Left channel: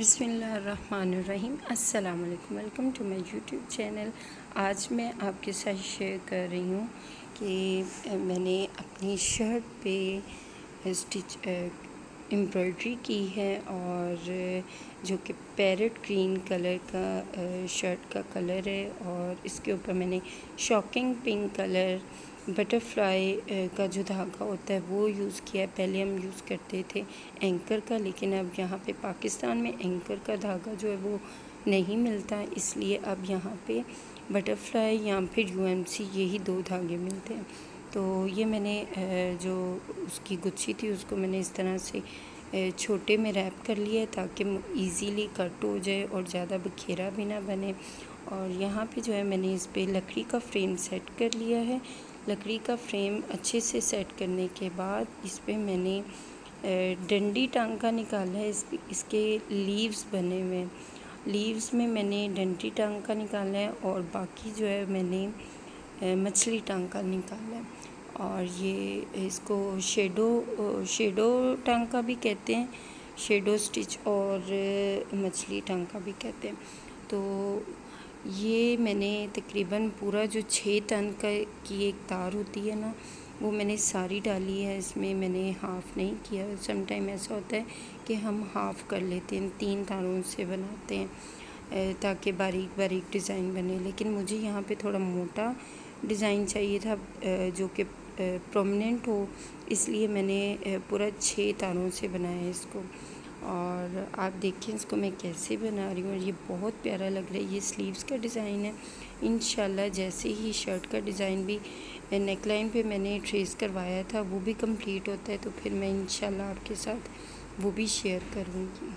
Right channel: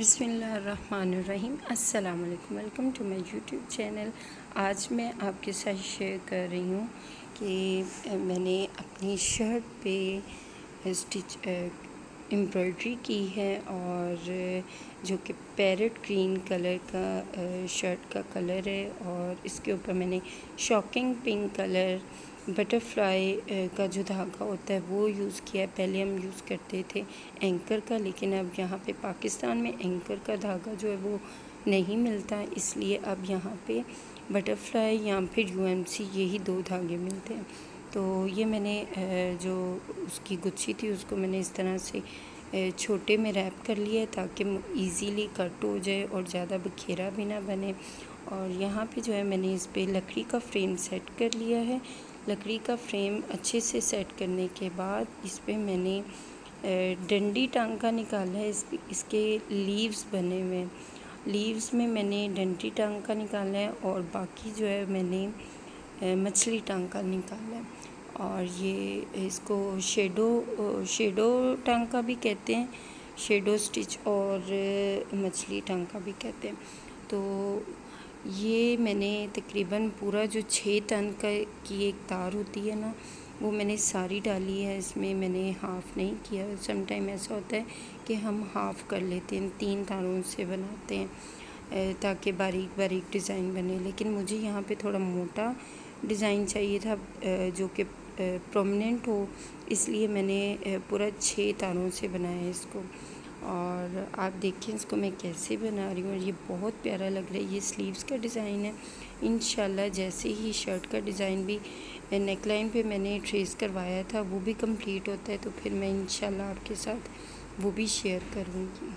बिस्मिल्लाहिर्रहमानिर्रहीम। अस्सलाम वालेकुम। Welcome to my YouTube channel. आज मैं आपके साथ शेयर कर रही हूँ कि मैंने अपनी शर्ट पे स्टिच एम्ब्रॉयडरी की है और जो कि पैरेट ग्रीन कलर का शर्ट का कलर है और इसके ऊपर मैंने शॉकिंग पिंक कलर बटरफ्लाई का जो धागा होता है वो यूज़ किया है। पहले हम यूज़ करते थे एंकर का, लेकिन अब यहाँ पे पाकिस्तान में एंकर का धागा जो है वो नहीं मिलता, इसलिए अब यहाँ पे बटरफ्लाई या फिर यूएमसी यही दो धागे मिलते हैं। तो ये मैंने जो उसकी गुच्छी थी उसको मैंने इस तरह से छोटे में रैप कर लिया ताकि इजीली कट हो जाए और ज़्यादा बखेरा भी ना बने। और यहाँ पे जो है मैंने इस पे लकड़ी का फ्रेम सेट कर लिया है। लकड़ी का फ्रेम अच्छे से सेट करने के बाद इस पे मैंने डंडी टांका निकाला है। इसके लीव्स बने हुए हैं, लीव्स में मैंने डंडी टांका निकाला है और बाकी जो है मैंने मछली टांका निकाला है। और ये इसको शेडो टांका भी कहते हैं, शेडो स्टिच और मछली टांका भी कहते हैं। तो ये मैंने तकरीबन पूरा जो 6 टन की एक तार होती है ना, वो मैंने सारी डाली है। इसमें मैंने हाफ़ नहीं किया। सम टाइम ऐसा होता है कि हम हाफ़ कर लेते हैं, 3 तारों से बनाते हैं ताकि बारीक बारीक डिज़ाइन बने, लेकिन मुझे यहाँ पे थोड़ा मोटा डिज़ाइन चाहिए था जो कि प्रोमिनेंट हो, इसलिए मैंने पूरा 6 तारों से बनाया है इसको। और आप देखें इसको मैं कैसे बना रही हूँ, और ये बहुत प्यारा लग रहा है। ये स्लीव्स का डिज़ाइन है। इंशाल्लाह जैसे ही शर्ट का डिज़ाइन भी नेक लाइन पे मैंने ट्रेस करवाया था वो भी कंप्लीट होता है तो फिर मैं इंशाल्लाह आपके साथ वो भी शेयर करूँगी।